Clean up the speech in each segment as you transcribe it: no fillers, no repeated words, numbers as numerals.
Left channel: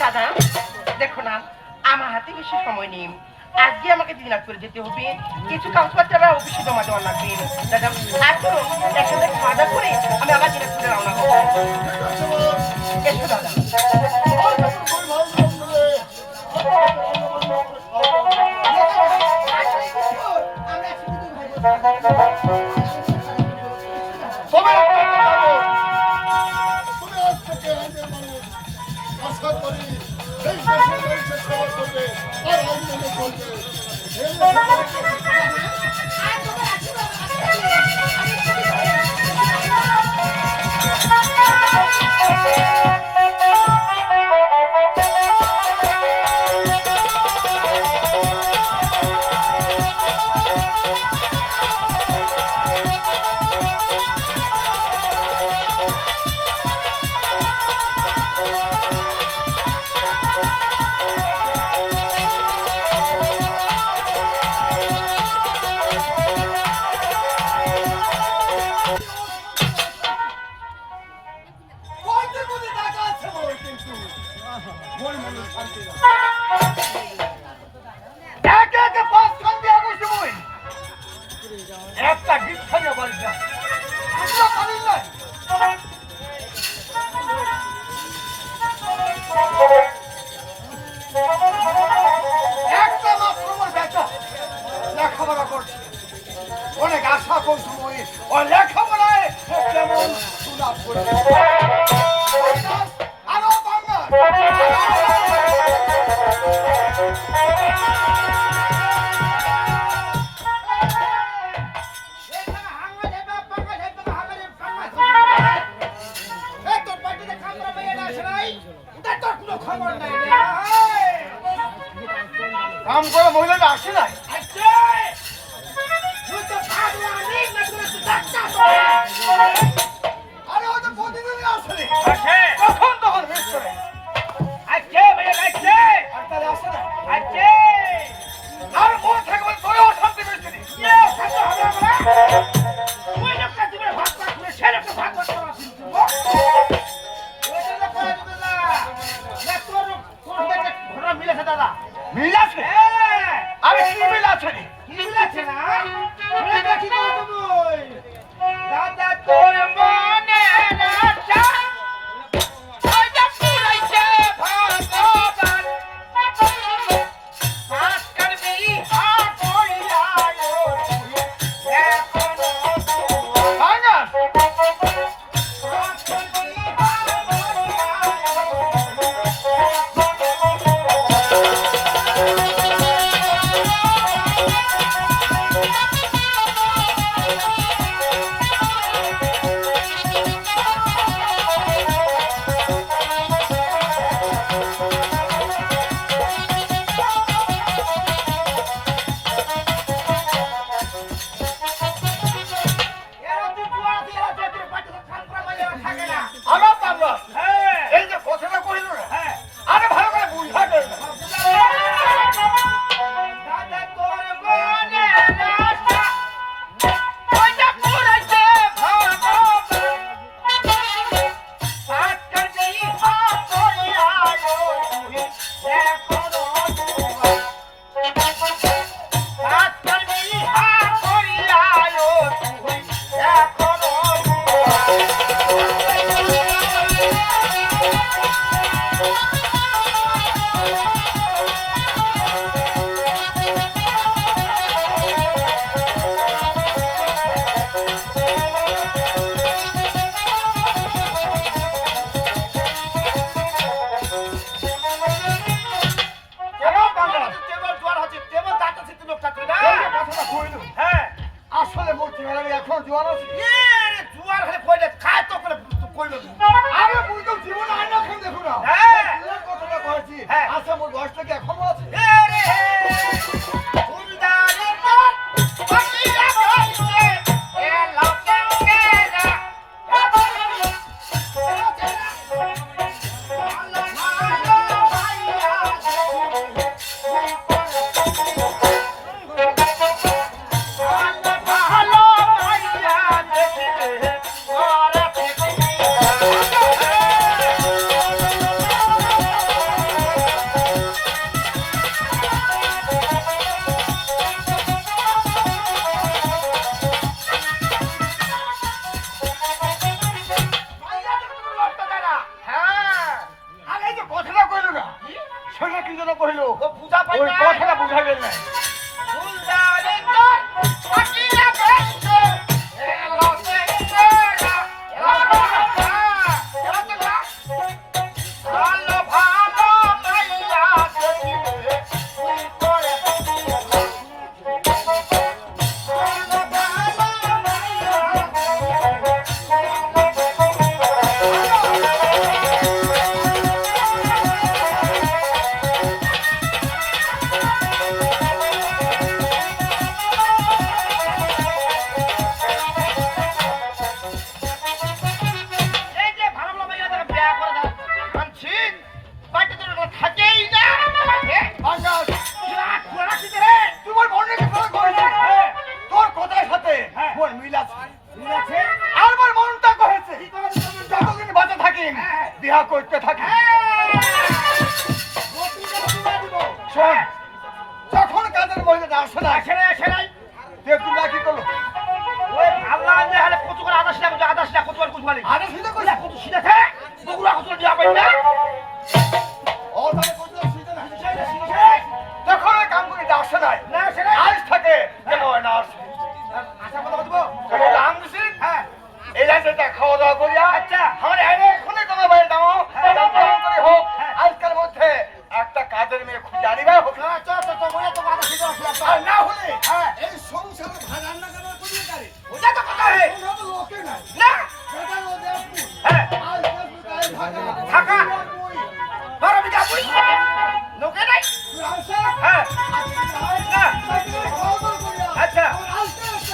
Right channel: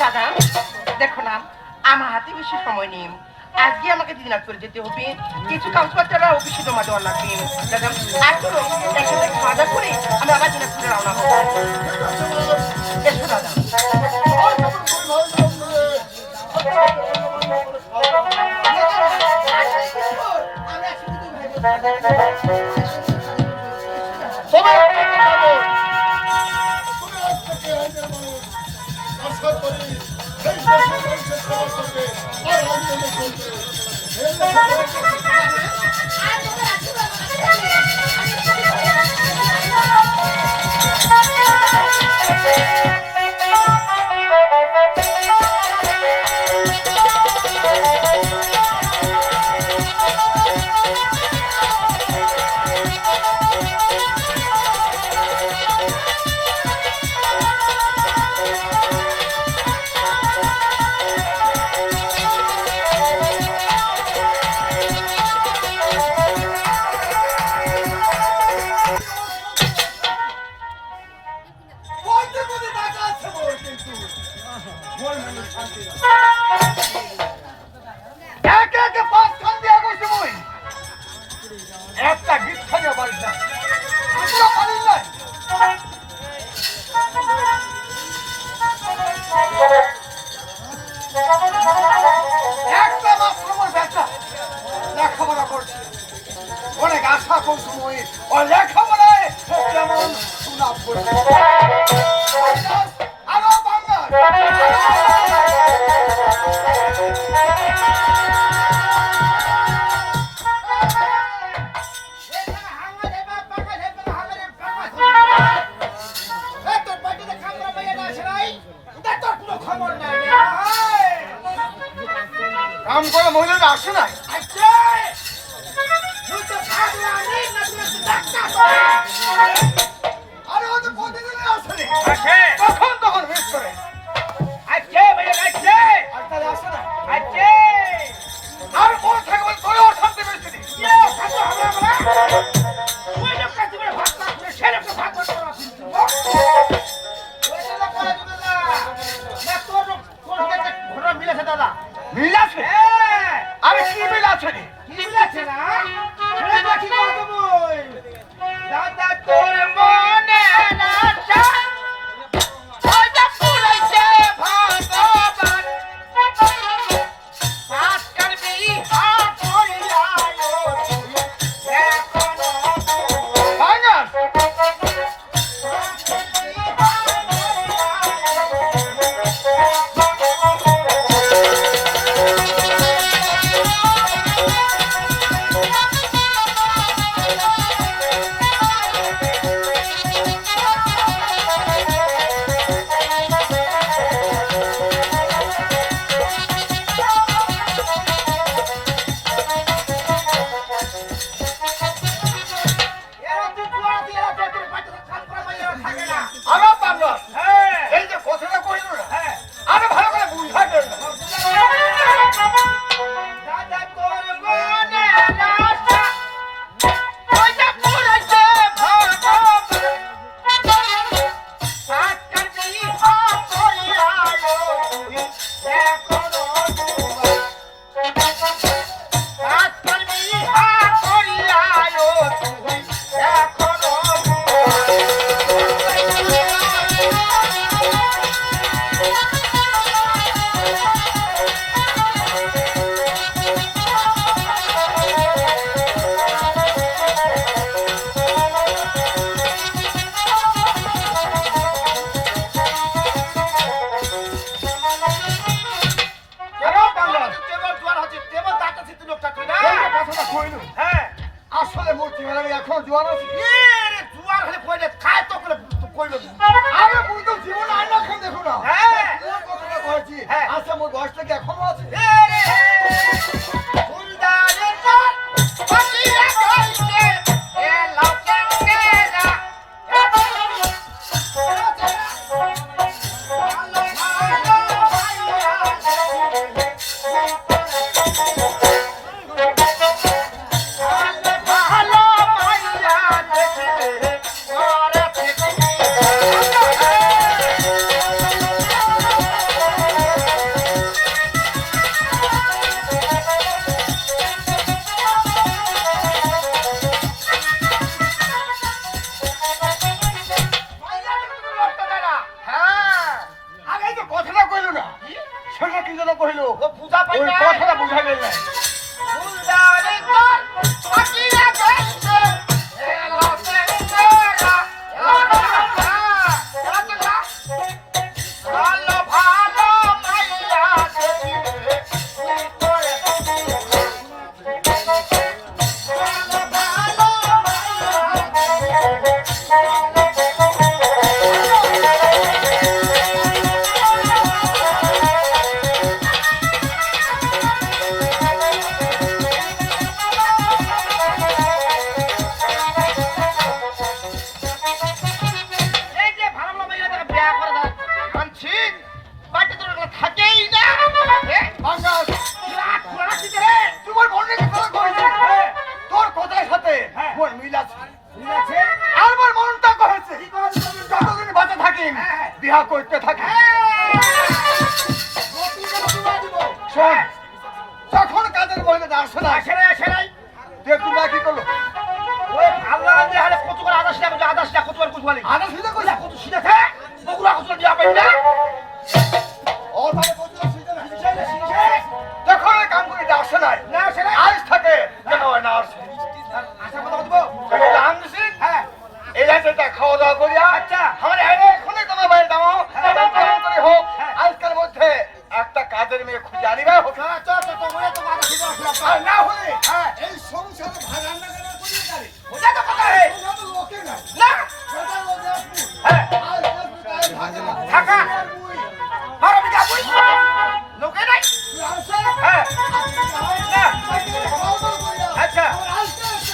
দাদা দেখো না, আমার হাতে বেশি সময় নেই। আজকে আমাকে দিনাজপুরে যেতে হবে, কিছু কাগজপত্র অফিসে জমা দেওয়ার লাগবে। দাদা আর চলো একসাথে খাওয়া দাওয়া করে আমি আবার দিনাজপুরে রওনা হবো। এসো দাদা। আশা করি এই দেশের মানুষের সেবা করবে আর আন্দোলন করবে। একটা গিফট পারিস না, একটা লেখাপড়া করছে, অনেক আশা করছি ও লেখাপড়ায় কেমন সুনাম করছে। আরো বাংলা কাম করে মহিলারা আসে নাই। আরে ও তো প্রতিদিনই আসে তখন তখন বেশ করে আর কোন থাকবে তোরে অশান্তি বেশি মিল আছে। আরে কি মিল আছে? কি মিল আছে না কি দাদা তোর মনে না আসলে মূর্তি মেলানি এখন জোয়ার আছে। জোয়ার হলে পয়লে খায় তো করে কইল আমি বুঝতো জীবন আইনা এখন দেখো না। হ্যাঁ কথাটা কইছি। আচ্ছা মোর বয়সটা কি এখন আছে? কহিল ও পূজা পাই ওই না কথাটা বুঝা গেল না ফুলদানি তোর পাখিরা গেছে এলো সেরা ভালো ভালো মাইয়া দেখিলে ফুল করে ভালো ভালো এই যে ভালো ভালো মাইয়া দেখে বিয়া করে দেয় মানছি বাড়িতে তোর একটা থাকেই না আকাশ খোলা দিতে রে তোমার মনে কথা কইছি তোর কথার সাথে হ্যাঁ। মোর মিল আছে ঠিক আছে আর মোর মনটা কহেছে যতদিন বাঁচা থাকি হ্যাঁ। বিহা করতে থাকি শোন যখন কাজের মহিলা আসে না দেখুন না কি করলো ওই আল্লাহ যে হারে কত করে আদাস না কত করে কত বলে আরে শুধু কইলা কত সিধা থাকে বগুড়া কত দিয়া পাই না ও ভাই কত সিজন আছে যখন এই কাম করে আসে না না সেরে আজ থাকে কেন হয় না আসে আশা কথা বলবো আম দিছি হ্যাঁ এই যেটা খাওয়া দাওয়া করিয়া আচ্ছা আমার এখনই তোমার বাইরে দাও হ্যাঁ। করে হোক হ্যাঁ। আজকাল মধ্যে একটা কাজের মেয়ে খুঁজে আনিবা হোক তো বলে তো আদা সিধা আর না হলে হ্যাঁ এই সংসারে ভাই রান্না করার কোনো কারে ওটা তো কথা হে সংসারে লোকে নাই না সেটা লোকে আসবো হ্যাঁ আজ কাজ গায়ে থাকা। তুই বড় বিটা বুই লোকে নাই আসা হ্যাঁ না খাওয়া দাওয়া করিয়া আচ্ছা আমার আজকে একটা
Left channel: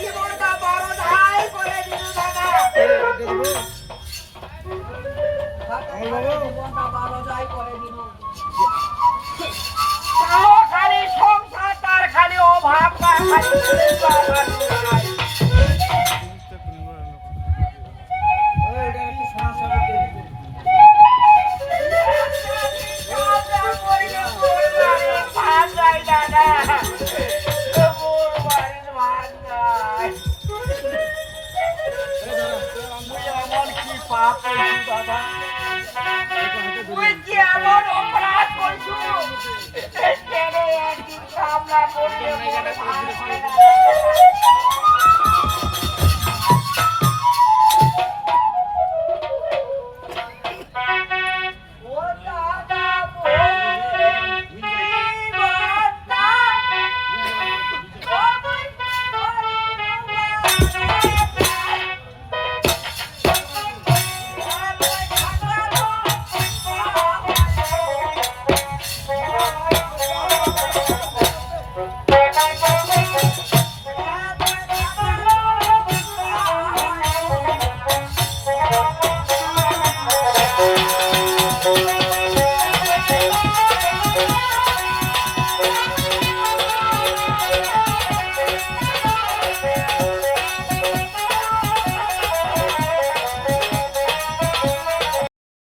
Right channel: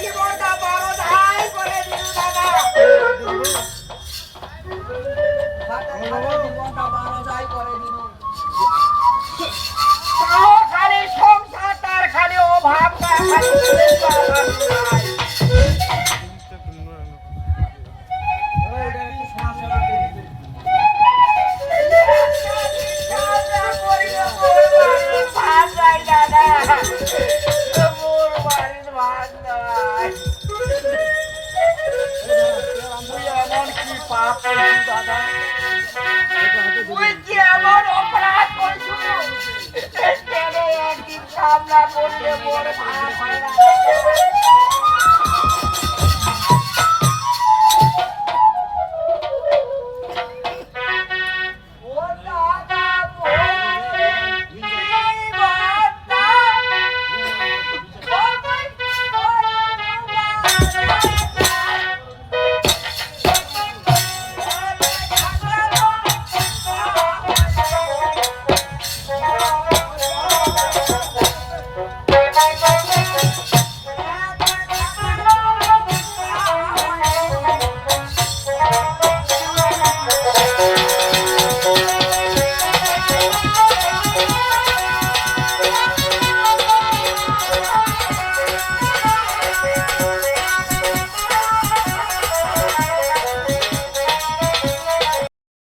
জীবনটা বড় ধাই করে দিল দাদা তাও খালি সংসার তার খালি অভাব তুই কি এমন অপরাধ করছো সামনে করলে